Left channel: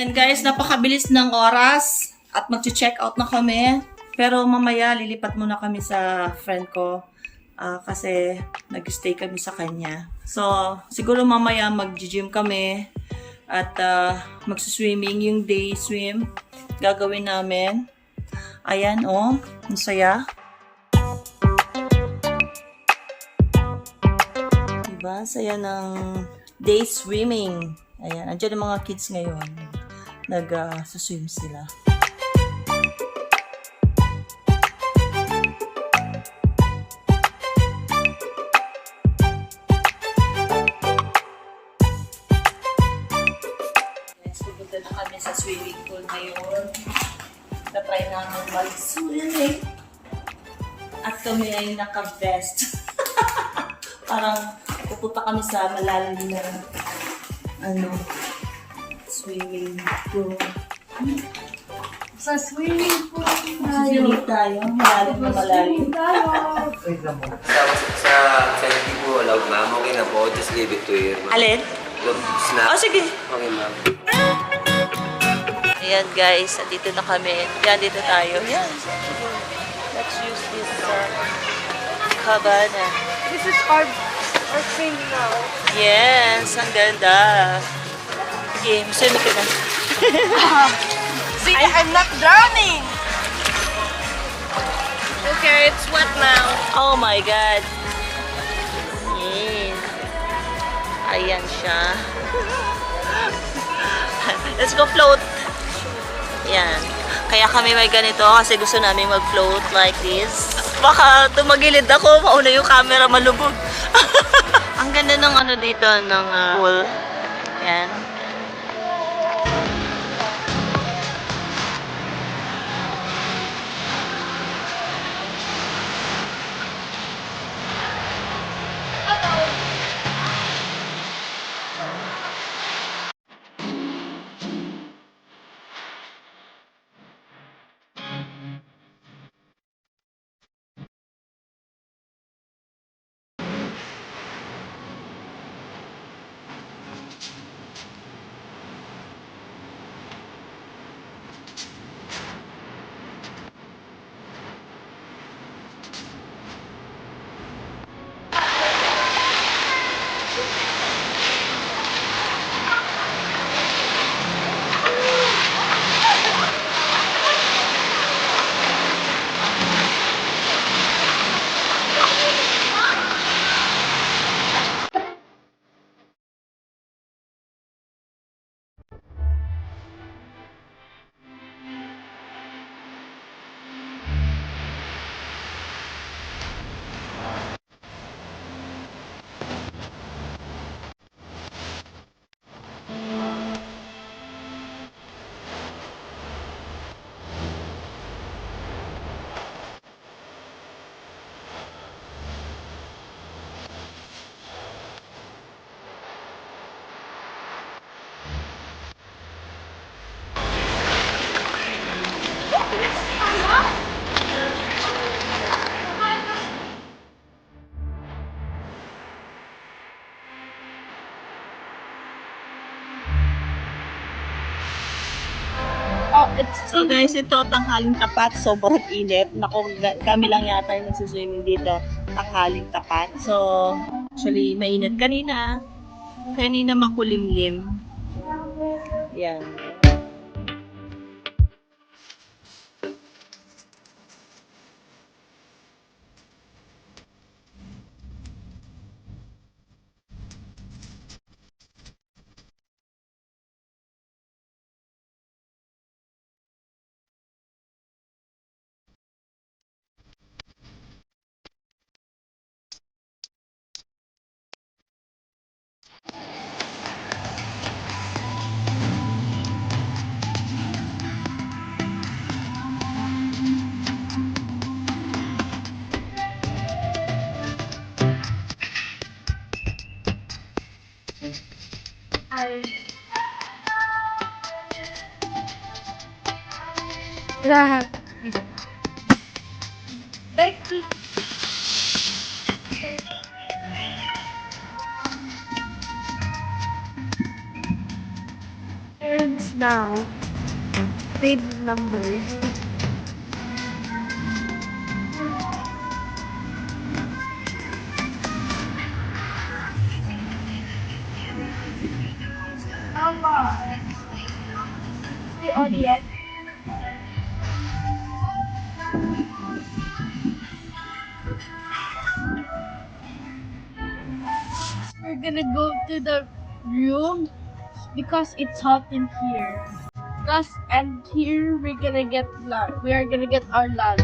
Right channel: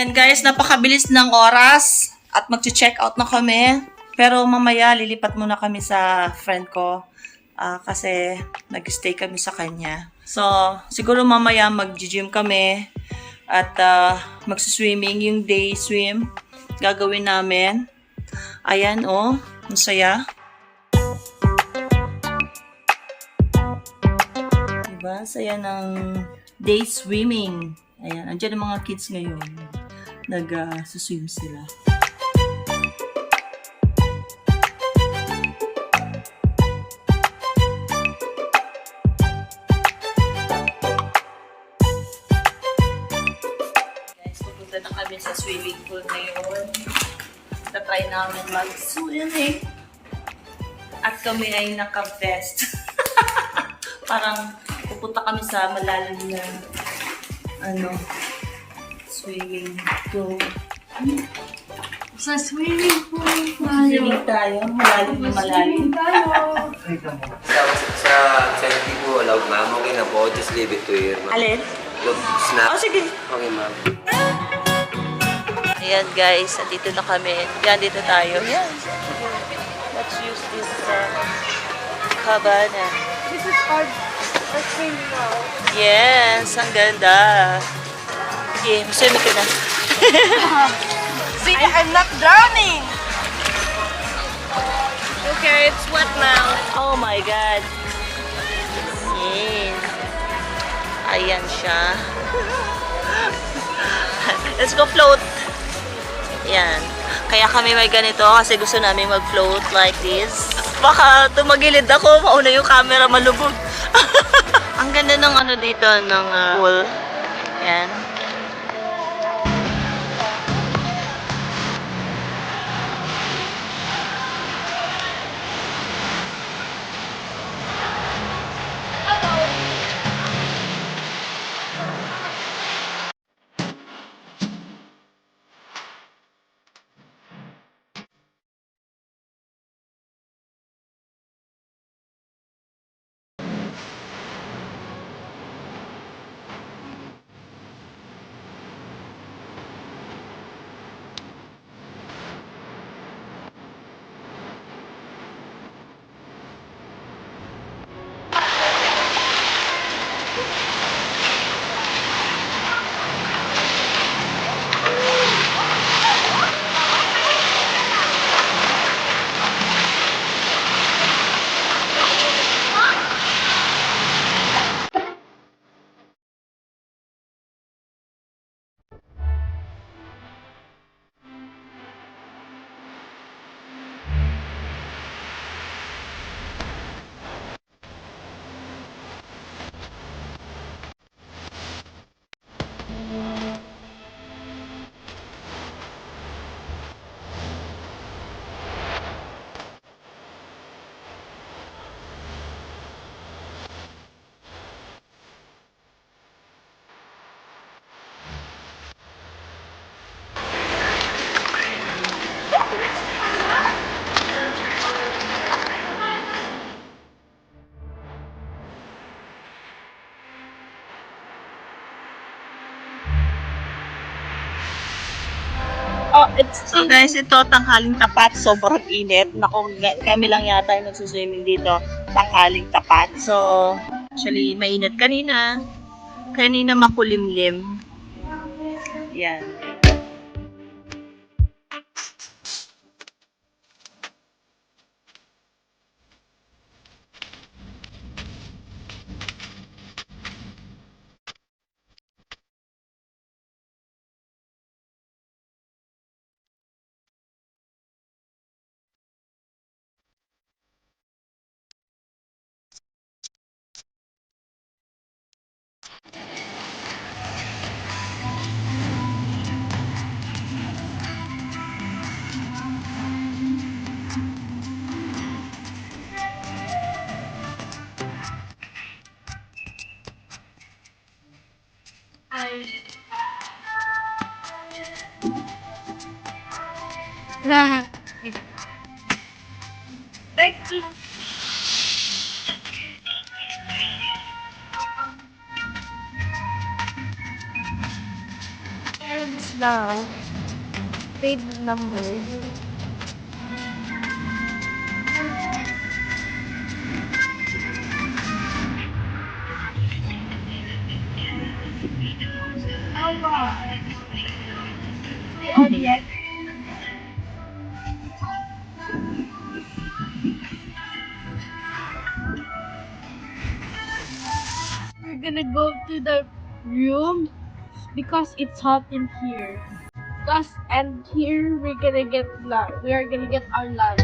Ayan guys, napakabilis ng oras at mag-check out na kami. Pero mamaya lilipat muna kami sa friend ko kasi nag-stay kami sa kanya. So, siguro mamaya mag-gym kami at mag-swimming, yung day swim gagawin namin. Ayan oh, ang saya. Diba? Saya ng day swimming. Ayan, andyan ang mga kids ngayon. Nag-swim sila. Guys, pupunta na kami sa swimming pool ngayon. Na-try namin mag-swimming. At kami ay naka-vest. Parang pupunta kami sa malalim na swimming pool. Sa swimming pool Swimming tayo. Malalim na malalim. Sa hindi po allowed, ma'am. Okay na po. Just leave it to you, ma'am. Alin? Snap. Oh, sige. Okay, ma'am. Ayan guys, andito na kami. Yan, dito tayo. Yan. Let's use this cabana. This is our swimming now. Yes, ang ganda. Okay, swimming ka na. See, I'm not drowning! Okay, it's wet now. Oh my God. Yes. Ayan siya. Let's go float. Yan. Kaya kami may ganito kasi gusto namin mag-float like this. Baka tumagilid ako, mauna yung camera malubog. Ang ganda ng dito, ng pool. Yan. So guys, ito tanghaling tapat, sobrang init. Naku, kami lang yata yung nagsuswimming dito, tanghaling tapat. So, actually, mainit kanina. Kanina makulimlim. Yan. There's now paid number. We're gonna go to the room because it's hot in here. And here we're gonna get lunch. We are gonna get our lunch.